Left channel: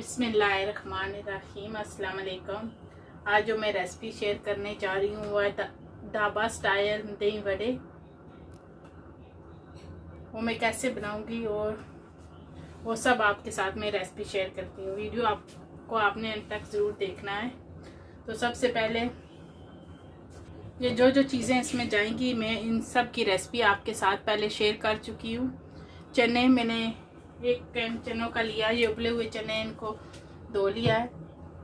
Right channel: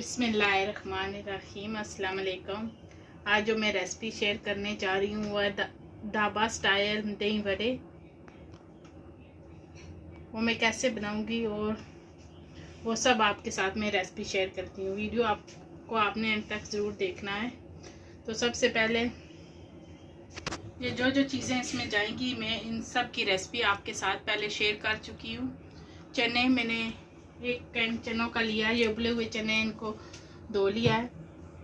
बिस्मिल्लाहिर्रहमानिर्रहीम। अस्सलाम वालेकुम। आज जो मैं रेसिपी शेयर करने जा रही हूँ वह ढाबा स्टाइल दही वड़े, वो मैं कैसे बनाऊँगी और वो सब आपके साथ मैं रेसिपी शेयर करती हूँ। वीडियो आपको आपने एंड तक ज़रूर देखना है। तो सबसे पहले ये जो जो चीज़ें इसमें जाएंगी मैं इन सब की रेसिपी आपके साथ पहले शेयर कर चुकी हूँ। चने मैंने एक कैन चनों का लिया, ये उबले हुए चने इनको धो लिया है।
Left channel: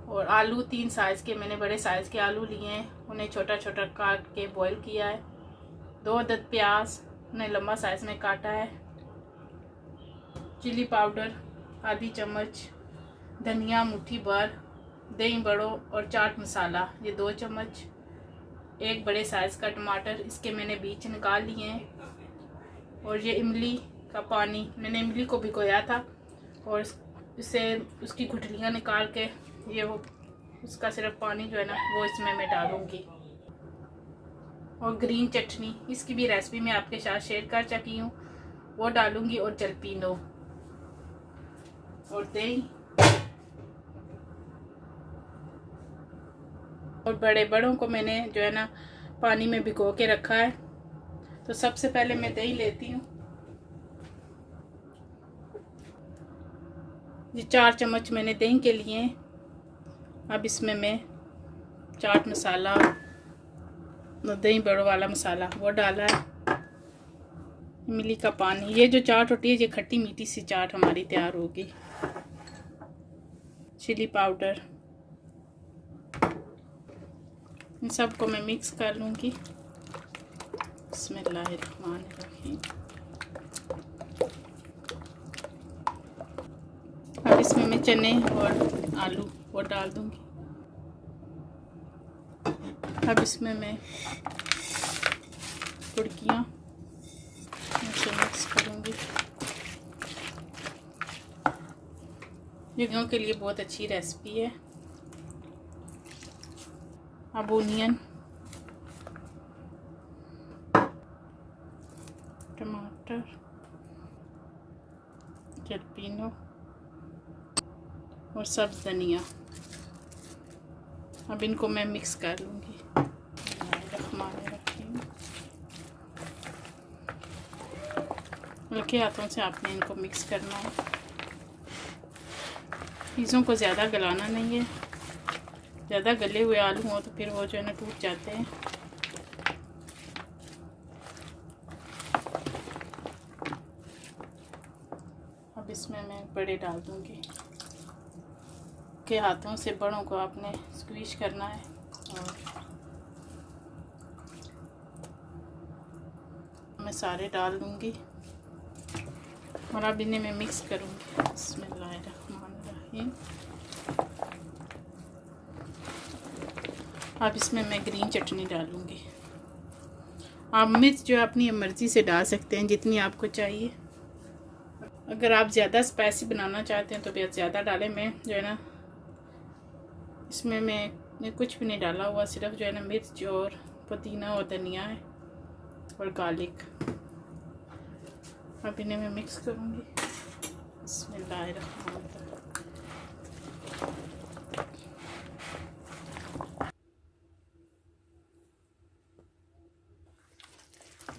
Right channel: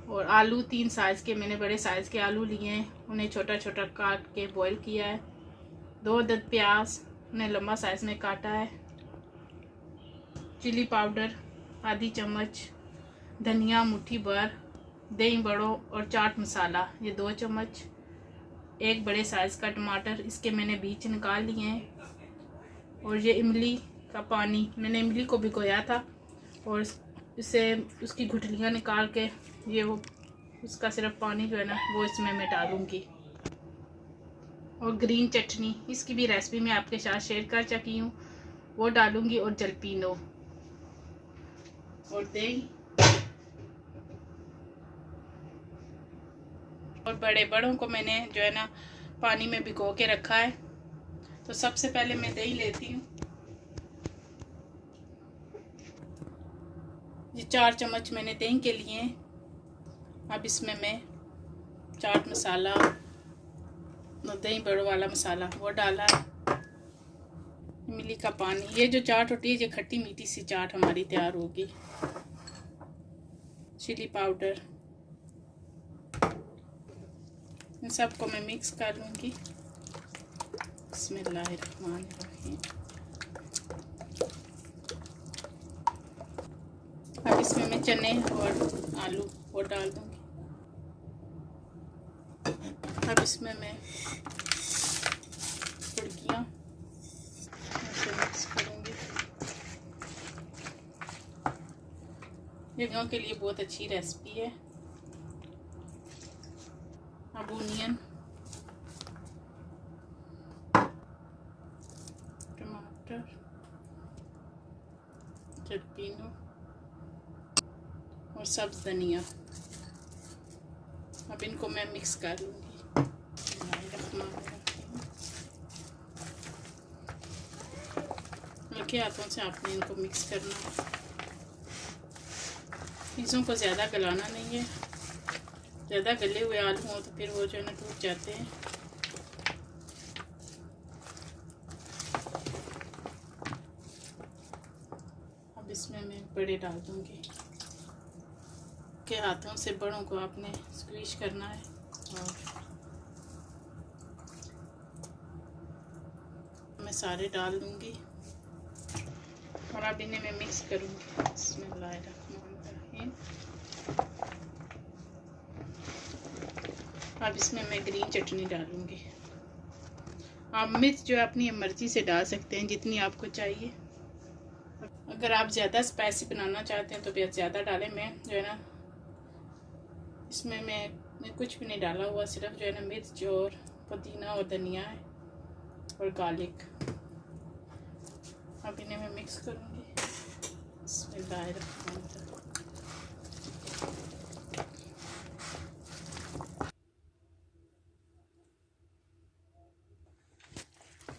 और आलू 3 साइज़ के मैंने बड़े साइज़ के आलू लिए हैं, उन्हें छोटा छोटा काट के बॉईल किया है। 2 अदद प्याज उन्हें लंबा साइज़ में काटा है। चिली पाउडर आधी चम्मच, धनिया मुट्ठी भर, दही बड़ों और चाट मसाला ये 2 चम्मच, एक बड़े साइज़ का टमाटर, इसके मैंने बीज निकाल लिए हैं। और ये इमली का पानी, मैंने इमली को भिगोया था और इसे उसकी गुठलियाँ निकाल के ये वो उसका सिर्फ पानी जो है ना वो इसमें मैं डालूँगी। और ग्रीन चटनी, इसकी भी रेसिपी मैं आपके साथ शेयर कर चुकी हूँ, वो डालूँगी। और जलपीनो और दही और बड़ों को मैंने जो है ना पानी में भिगो के रखा है। तो सबसे पहले मैं दही लेती हूँ। ये 4 चम्मच मैंने दही के लिए। अब इसमें मैं चाट मसाला और दही बड़ों वाला मसाला वो डाला है, इमली का पानी। ये जो चाट होती है ये खट्टी मीठी सी चाट हमारी तैयार होगी। चिली पाउडर, इन सबको मैं मिक्स कर लूँगी। बिस्मिल्लाहिर्रहमानिर्रहीम। अब इसमें मैं चने और आलू वो डाल दूँगी। अब इसमें मैं तुर्कियाँ मिक्स करूँगी। ये के लिए बहुत अच्छी रेसिपी है। अब ओनियन, टमाटर, जलपीनो और सब्ज़ धनिया, अब इनको मैं मिक्स कर लूँगी। हल्के हाथों से आपने इनको मिक्स करना है। चीज़ों को ज़्यादा गलाना नहीं है, ज़्यादा गले हुए आलू हो तो फिर वो जो है ना टूट जाते हैं। अब इसमें मैं बड़े डाल दूँगी। के हाथों से बड़ों को आपने स्क्वीज करना है और मैं सारे डाल दूँगी और अब इन्हें मैं मिक्स करूँगी। बिस्मिल्लाहिर्रहमानिर्रहीम। अब इसमें मैं ग्रीन चटनी डालूँगी। आप मिर्च जो अपनी मर्ज़ी से डाल सकते हैं जितनी आपको चाहिए। अगर आप ज़्यादा स्पाइसी बनाना चाहते हैं तो फिर ज़्यादा डालें। मैं जो है ना इसमें मैं कुछ भी नहीं डाला हुआ, सिर्फ जो है ना मिर्च और पुदीना और धनिया है और गार्लिक। अब इन्हें मैं मिक्स करूँगी। बिस्मिल्लाहिर्रहमानिर्रहीम।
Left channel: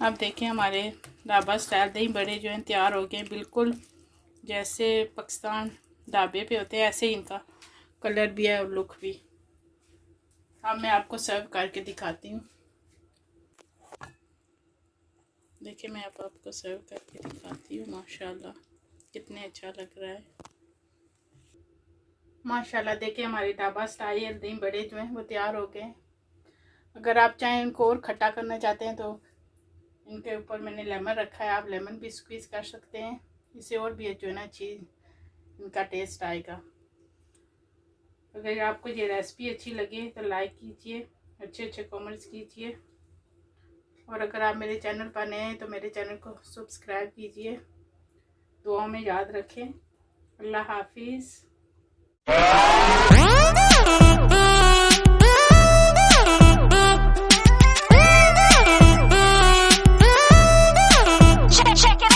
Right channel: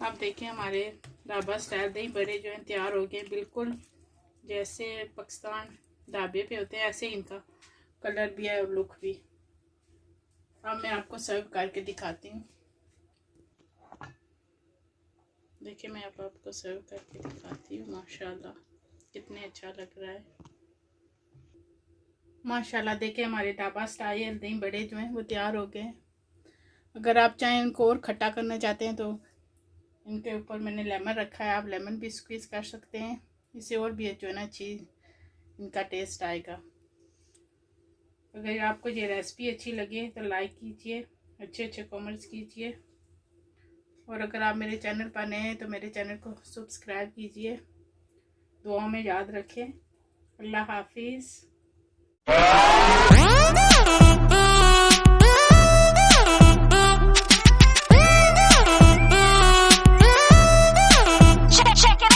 अब देखिए हमारे ढाबा स्टाइल दही बड़े जो हैं तैयार हो गए, बिल्कुल जैसे पाकिस्तान ढाबे पे होते हैं ऐसे ही इनका कलर भी है और लुक भी। अब मैं आपको सर्व करके दिखाती हूँ। देखिए मैं आपको सर्व करके दिखाती हूँ। माशाल्लाह कितने अच्छा लग रहा है। माशाल्लाह देखिए हमारे ढाबा स्टाइल दही बड़े जो हैं वो तैयार हो गए। अगर आप चाहें उनको और खट्टा करना चाहते हैं तो इनके ऊपर मैंने लेमन रखा है, आप लेमन भी स्क्वीज कर सकते हैं। इससे और भी जो है ना चीज़ इनका टेस्ट आएगा। अगर आपको ये रेसिपी अच्छी लगे तो लाइक कीजिए, अच्छे कमेंट्स कीजिए। और अगर आप मेरे चैनल पर नए हैं तो मेरे चैनल को सब्सक्राइब कीजिए। दुआ में याद रखें। अल्लाह हाफिज़।